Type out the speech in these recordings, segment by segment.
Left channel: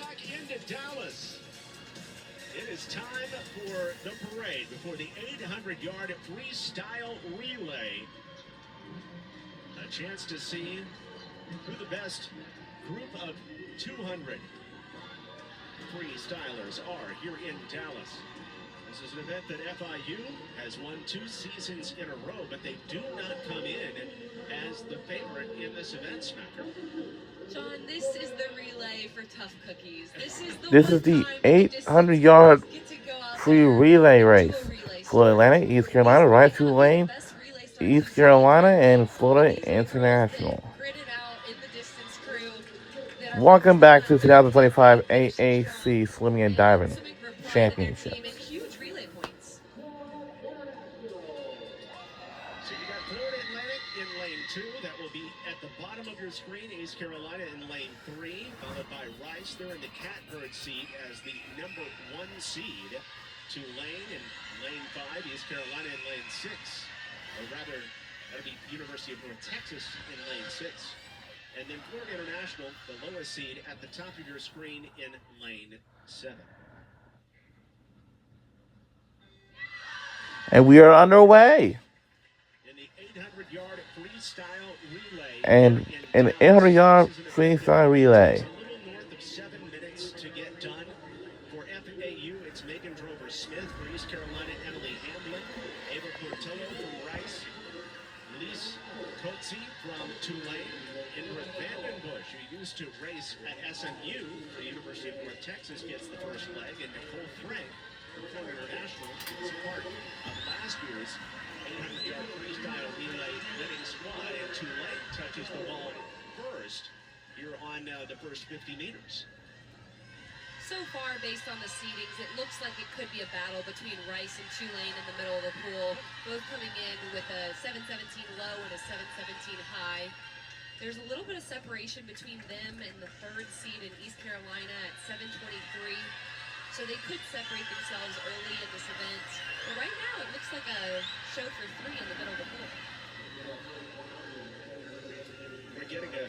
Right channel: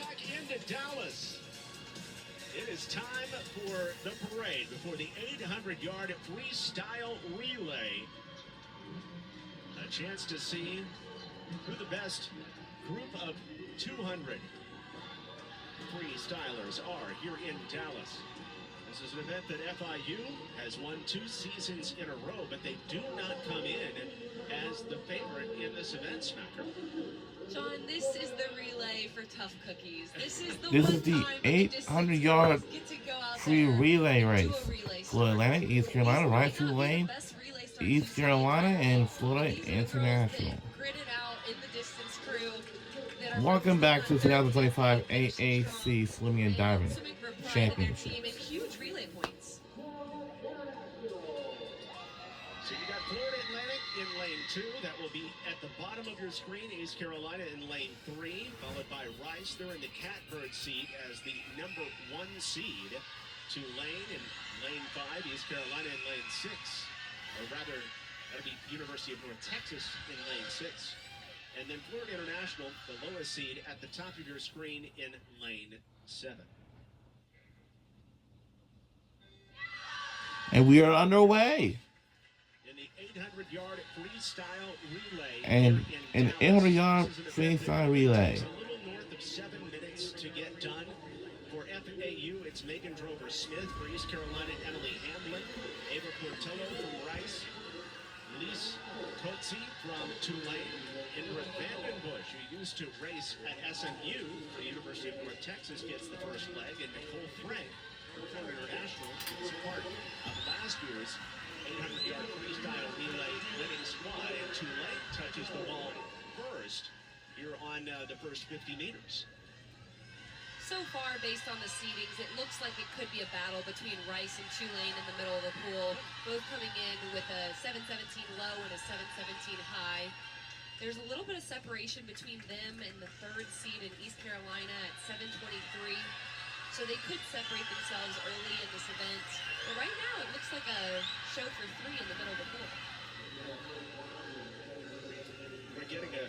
back into Dallas. It is time for the parade before the 800-yard freestyle relay. A chance to see who the best group of 200 freestylers are here in Dallas. This is an event that FIU has won 2 seasons in a row, but they do not come in as the favorite in this event, Smacker. John, this is the relay for tough cookies. This is the 800-yard free relay race for Atlanta, East Carolina, Rice, Tulane, East Carolina, and Florida International. Welcome back to 2025 AAC Swimming and Diving Championships. That will be at the bottom of your screen. East Carolina in lane 3, followed by Rice. They're in the catbird seat as the number 1 seed. Tulane in lane 5, East Carolina in lane 6. Or rather, that'll be University of North Texas in lane 6. And then Florida International, the lowest seed, at the top of your screen in lane 7. And we are underway. And an 800-yard freestyle relay. A little north of 7 minutes to get done. For FAU, it's Megan Drover-Smith. For East Carolina, Emily Hamblin. Ava Portillo from Rice. Lise Coetzee from Tulane. Ingrid Vandenbush, who used to race at SMU for the University of North Texas, gets the first leg. And Nicole Frank from Florida International is part of last year's 800-yard freestyle relay winning squad, and Tulane touches the ball first here on the first 50 meters. So far, based on the seedings, it looks like it could be a battle between Rice and Tulane in the middle of the pool, both coming in with a 7:17 low and a 7:17 high. There's a little bit of separation between them and the 3rd seed in East Carolina at 7:23. So they could separate themselves early in this event. But right now, it looks like a show for 3 in the middle of the pool. We're getting an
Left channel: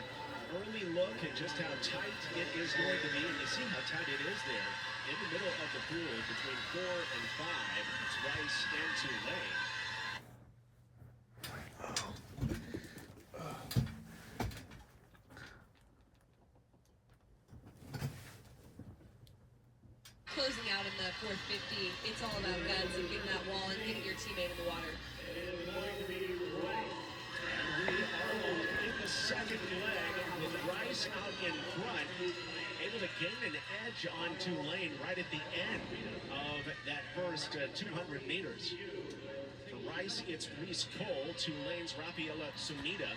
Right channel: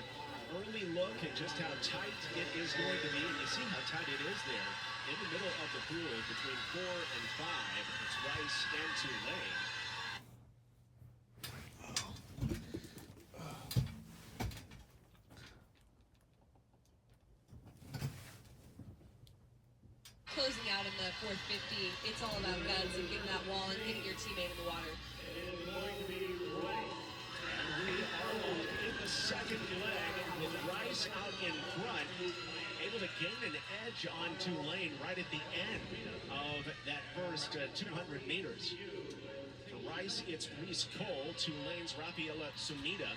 early look at just how tight it is going to be. And you see how tight it is there. In the middle of the pool, between 4 and 5, it's Rice and Tulane. Closing out in the 450, it's all about guts and getting that wall and getting your teammate in the water. And we are in the second leg with Rice out in front, able to gain an edge on Tulane right at the end of that first 200 meters. For Rice, it's Reese Cole, Tulane's Rafaela Sumida.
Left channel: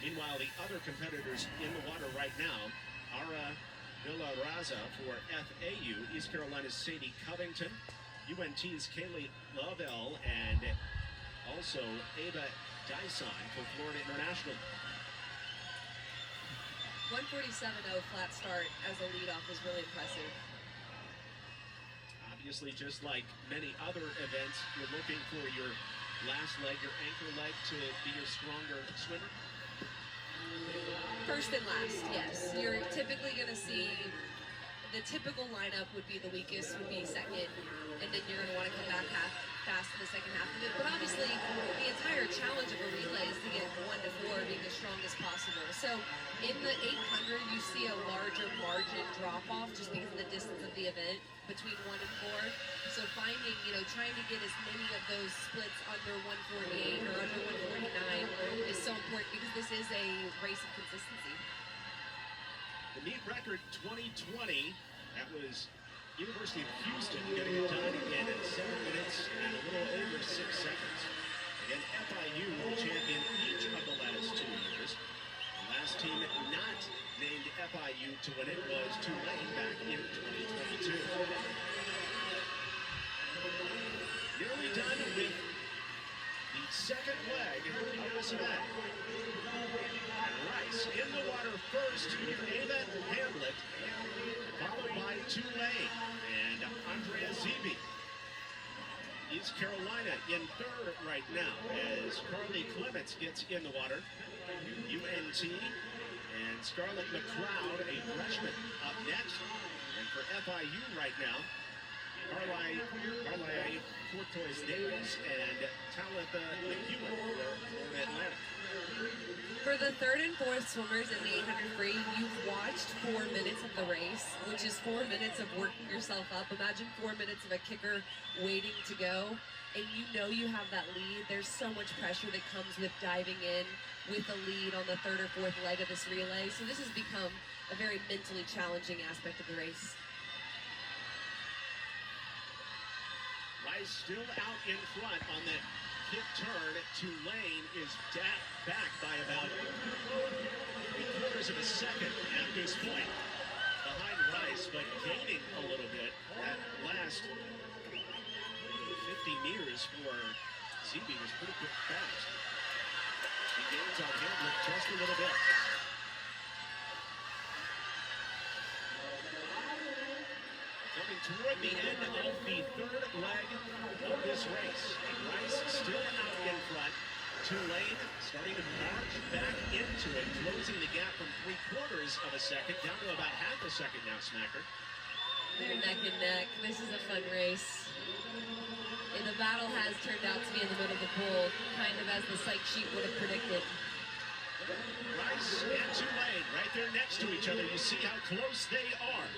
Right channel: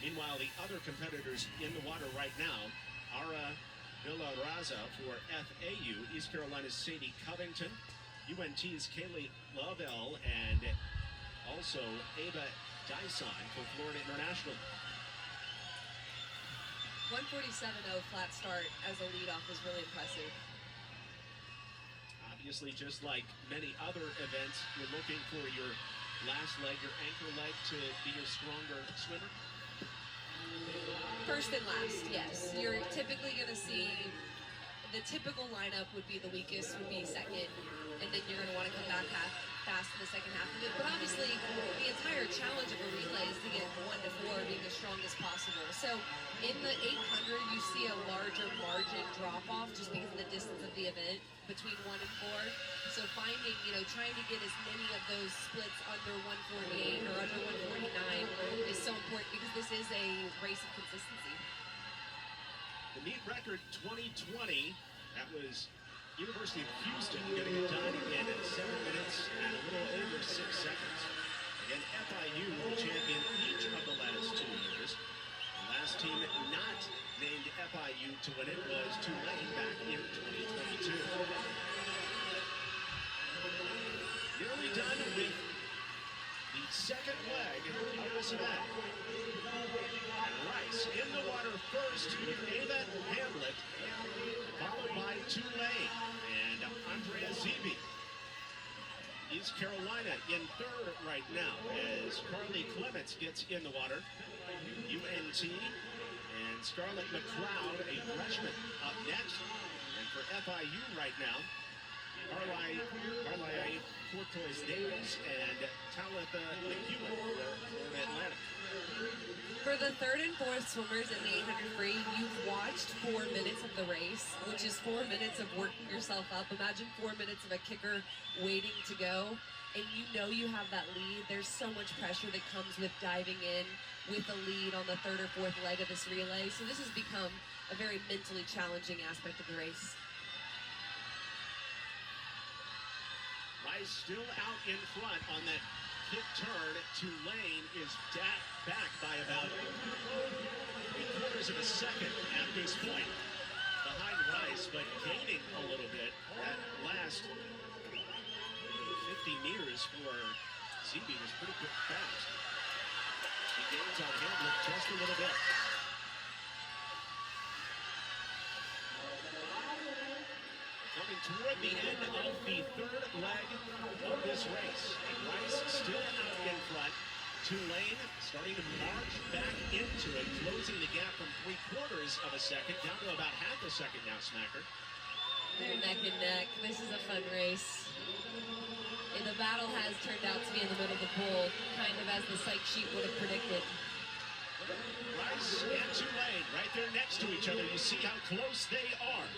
Meanwhile, the other competitors in the water right now are Villa-Raza for FAU, East Carolina's Sadie Covington, UNT's Kaylee Lovell, and also Ava Dyson for Florida International. 147.0 flat start as a leadoff is really impressive. Obviously, just like many other events, you're looking for your last leg, your anchor leg, to be your stronger swimmer. First and last, yes. You're typically going to see the typical lineup would be the weakest, would be second, and then you're going to want to come back fast in the second half of it. But obviously, the entire challenge of a relay is to get 1 to 4 being the strongest possible. So in the 800, you see a larger margin drop-off just because of the distance of the event between 1 and 4. So finding, trying to get as many of those splits under 148 or under 149 is so important because this is a race of consistency. The meet record 2020, that was University of Houston getting it done in 7 minutes and a little over 6 seconds. Again, FIU, the champion each of the last 2 years. The last team not named FIU to win it was Tulane back in 2022. Nearly done with the second leg of this event. And Rice in the water first, Ava Hamlet, followed by Tulane and Andrea Zeeby. East Carolina in third right now as Carly Clements gets in the water. UNT and Scarlett McLeod, a freshman, up next. And FIU right now. Carly Fortois Davis and Talitha McEwen for Florida Atlantic. For the third and fourth swimmers in the 800 free, you've watched 4 minutes of the race, which is 4 minutes of working yourself up. Imagine 4 minutes of a kicker waiting to go, and you know you have that lead. There's so much pressure that comes with diving in with a lead on the third or fourth leg of this relay. So this has become a very mentally challenging aspect of the race. Rice still out in front on that kick turn. Tulane is back by about 3/4 of a second at this point behind Rice, but gaining a little bit. That last 50 meters for Zeeby was pretty quick fast. He gains on Hamlet just a little bit. Coming toward the end of the third leg of this race. Rice still out in front. Tulane starting to march back into it, closing the gap from 3/4 of a second down to about half a second now, Smacker. They're neck and neck. This is a fun race. And the battle has turned out to be in the middle of the pool, kind of as the psych sheet would have predicted. Rice and Tulane right there next to each other. You see how close they are.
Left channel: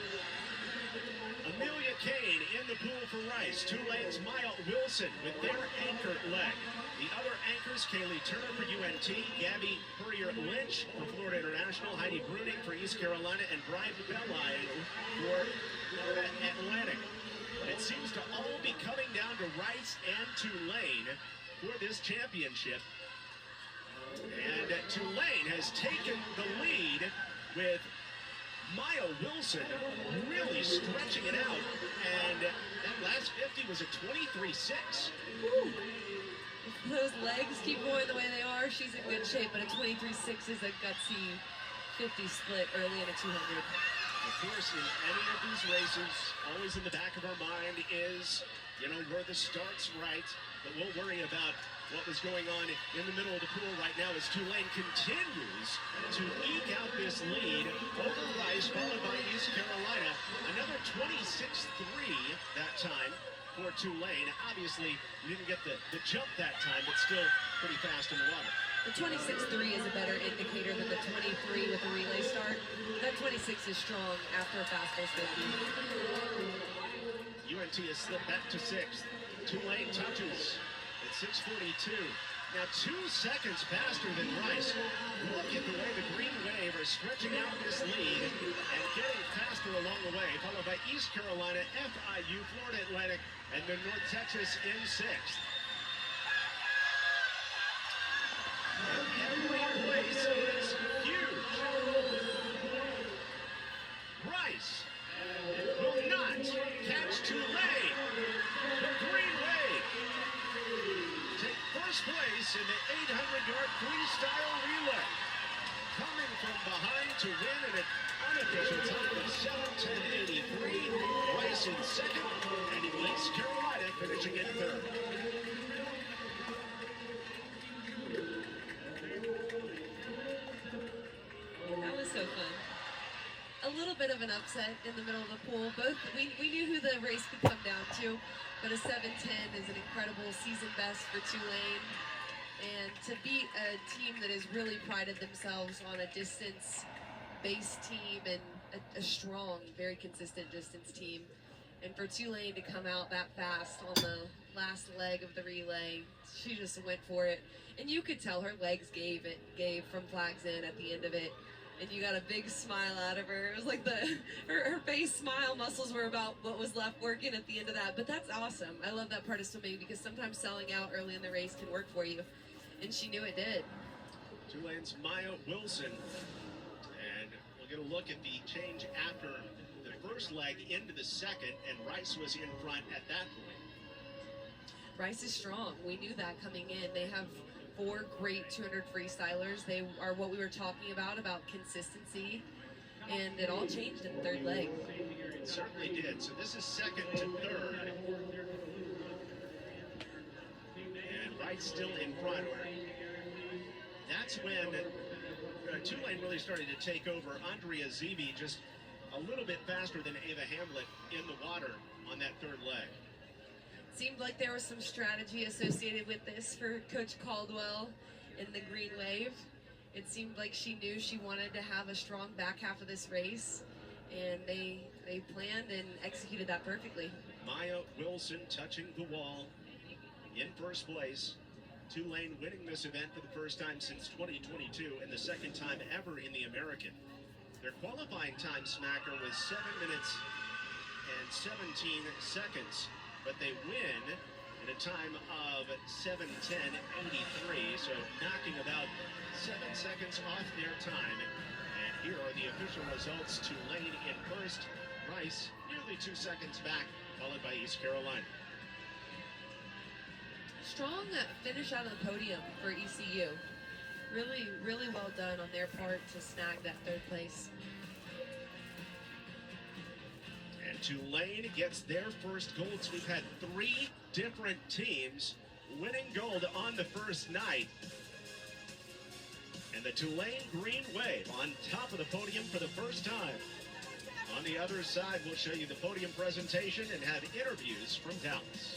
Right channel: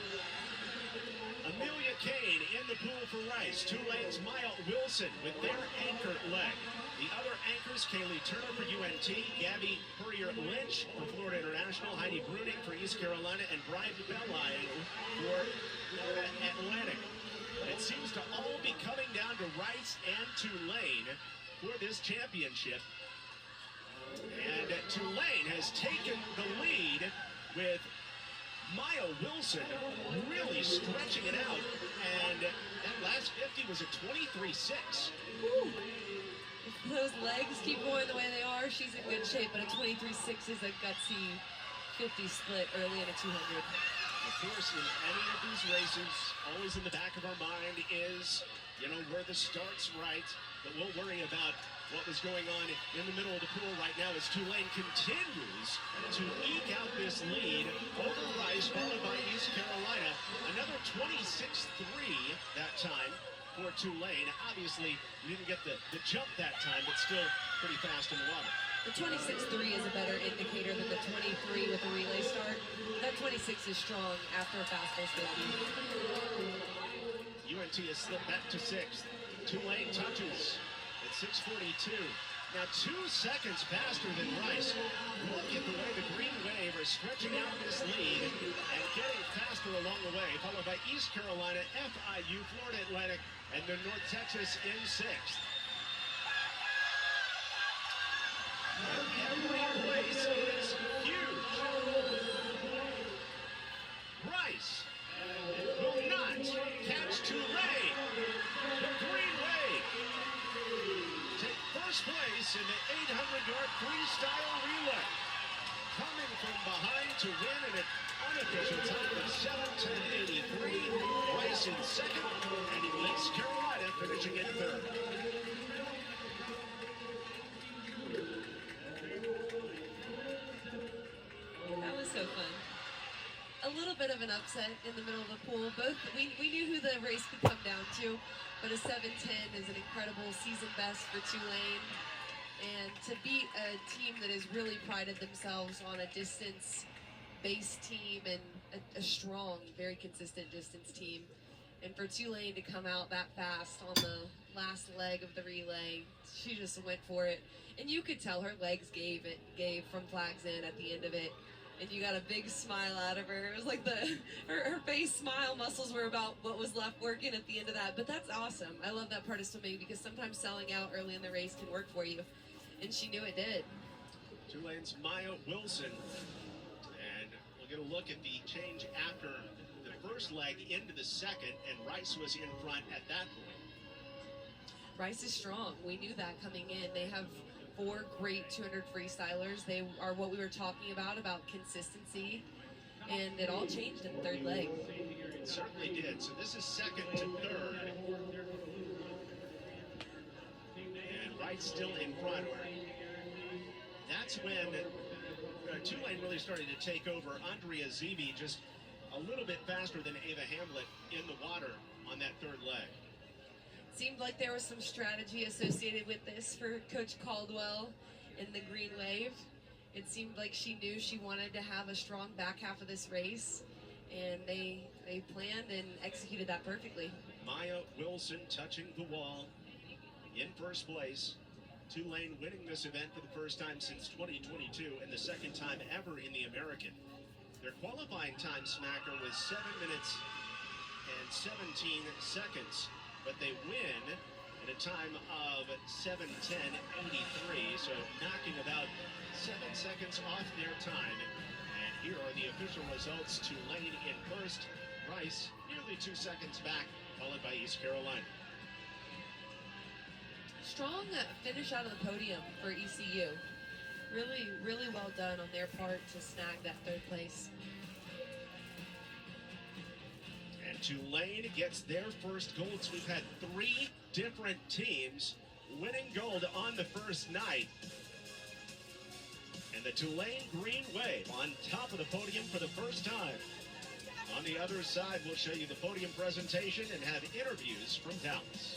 Amelia Kane in the pool for Rice. Tulane's Maya Wilson with their anchor leg. The other anchors, Kaylee Turner for UNT, Gabby Purrier-Lynch for Florida International, Heidi Bruning for East Carolina, and Brian Belli for Florida Atlantic. It seems to all be coming down to Rice and Tulane for this championship. And Tulane has taken the lead with Maya Wilson really stretching it out, and that last 50 was a 23.6. If those legs keep going the way they are, she's in good shape, but a 23.6 is a gutsy 50 split early in a 200. Of course, in any of these races, always in the back of our mind is, where the start's right, but we'll worry about what was going on in the middle of the pool right now as Tulane continues to eke out this lead over Rice, followed by East Carolina. Another 26-3 that time for Tulane. Obviously, you didn't get the jump that time, but still pretty fast in the water. The 26-3 is a better indicator than the 23 with the relay start. That 26 is strong after a fast first 50. UNT has slipped back to 6th. Tulane touches at 6:42. Now 2 seconds faster than Rice. Look at the way the Green Wave are stretching out this lead and getting faster along the way, followed by East Carolina, FIU, Florida Atlantic, and then North Texas in 6th. And every place is huge. Rice will not catch Tulane. The Green Wave take first place in the 800-yard freestyle relay. Coming from behind to win at an unofficial time of 7:10.83. Rice in second, and East Carolina finishing in third. That was so fun. A little bit of an upset in the middle of the pool. We knew who the race could come down to, but a 7:10 is an incredible season best for Tulane. And to beat a team that has really prided themselves on a distance-based team and a strong, very consistent distance team, and for Tulane to come out that fast on the last leg of the relay, she just went for it. And you could tell her legs gave from flags in at the end of it. And you got a big smile out of her. It was like her face smile muscles were about what was left working at the end of that. But that's awesome. I love that part of swimming because sometimes selling out early in the race can work for you. And she knew it did. Tulane's Maya Wilson. And we'll get a look at the change after the first leg into the second. And Rice was in front at that point. Rice is strong. We knew that coming in. They have 4 great 200 freestylers. They are what we were talking about consistency, and it all changed in the third leg. It certainly did. So this is second to third. And Rice still in front. That's when Tulane really started to take over. Andrea Zeeby just a little bit faster than Ava Hamlet in the water on that third leg. Seemed like there was some strategy associated with this for Coach Caldwell in the Green Wave. It seemed like she knew she wanted to have a strong back half of this race, and they planned and executed that perfectly. Maya Wilson touching the wall in first place. Tulane winning this event for the first time since 2022 and the second time ever in the American. Their qualifying time smacker was 7 minutes and 17 seconds, but they win at a time of 7:10.83, so knocking about 7 seconds off their time. And here are the official results. Tulane in first, Rice nearly 2 seconds back, followed by East Carolina. Strong finish out of the podium for ECU. Really, really well done on their part to snag that third place. And Tulane gets their first gold. So we've had 3 different teams winning gold on the first night. And the Tulane Green Wave on top of the podium for the first time. On the other side, we'll show you the podium presentation and have interviews from Dallas.